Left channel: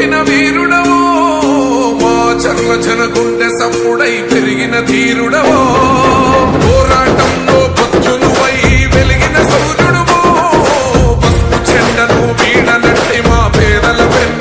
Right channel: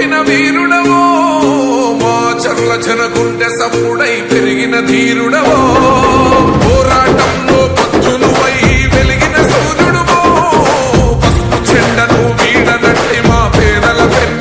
పంపిన వీరుడవో, మా చర్ల జనగుండె సప్పుడై పెరిగిన ధీరుడవో, పోరాటంలో పొద్దునువై వెలిగిన సూర్యుడువో, పసుపు చెండను వీడనట్టి మా పేదల పెన్ను